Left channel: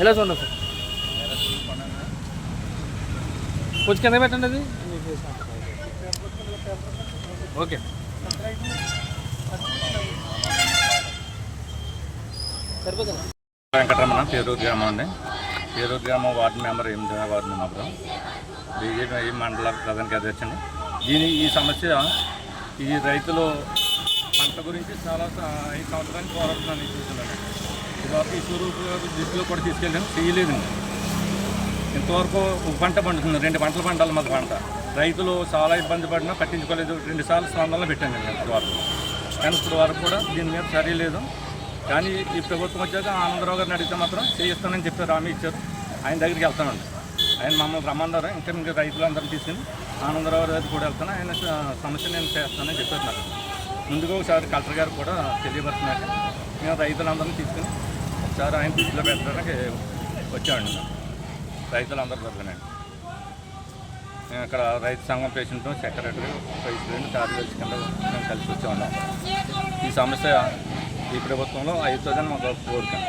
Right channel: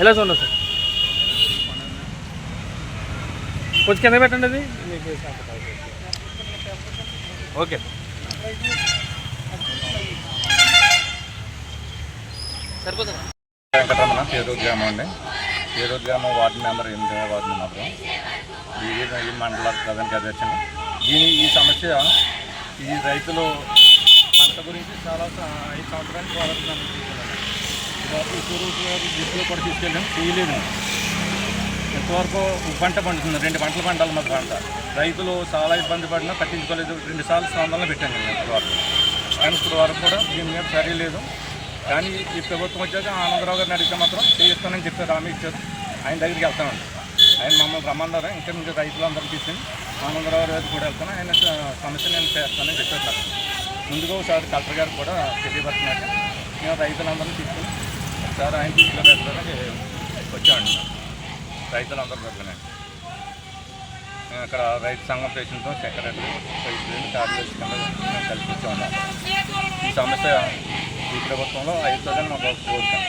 ఎలా చూడండి సార్? కొంచెం కింద పెట్టండి అది. ఓకే. సరిపోతుందా వెంకటరమణ పేరూరు గ్రామం అండి. పేరూరు గ్రామం వార్డు మెంబర్ ఎనిమిది వార్డు మెంబర్ బీజేపీ ఈ మండల ప్రధానికి కార్యదర్శి దీని ఈ సమస్య ఈ రైతులు పంట గురించి చాలా స- ఐదు సంవత్సరానికి పోరాడుతున్నాను ఇదివరకు కూడా తీసుకెళ్ళాము తీయలేదు. ఇంతవరకు ఒక పంట పండుతుంది రెండు పంటలు పండాలి మాకు పంట. రైతులు చాలా ఇబ్బంది పడినా పట్టించుకోలేదు. రెండు సార్లు స్పందనలో పెట్టాను నేను ఇంతవరకు. కానీ ఇప్పుడు వరకు కూడా దీని మీద చర్య లేదు కానీ ఈ ప్రభుత్వం వచ్చాక ఆనందరావు గారిని అడిగితే మాత్రం చేయిస్తానని చెప్పారు హామీ ఇచ్చారు. ఆయన దగ్గరికి వెళ్తానండి. ఆయన మమ్మల్ని రమ్మన్నారు. ఇంకా ఇంకా రైతులందరినీ తీసుకుని ఆనందరావు గారికి కూడా వెళ్తాను. ఆయన సమస్య నేను చేస్తానని చెప్పారు నాకు. ముందుగా ఒకసారి కలెక్టర్ గారు కూడా తెలియపరుస్తున్నారు. మేము రైతులందరినీ తీసుకుని ఒకసారి ఆయన ఇంట్లో పెట్టడానికి వచ్చామండి రైతులందరూ పెద్దనండి మేము ఇక్కడ రైతు సంఘం ప్రెసిడెంట్ సెక్రటరీ ప్రెసిడెంట్ కార్యదర్శి కింద మేము కలిసి వచ్చాము ఈ సమస్య ఈ ప్రభుత్వంలో అవుతుందని మాకు కోరుతాం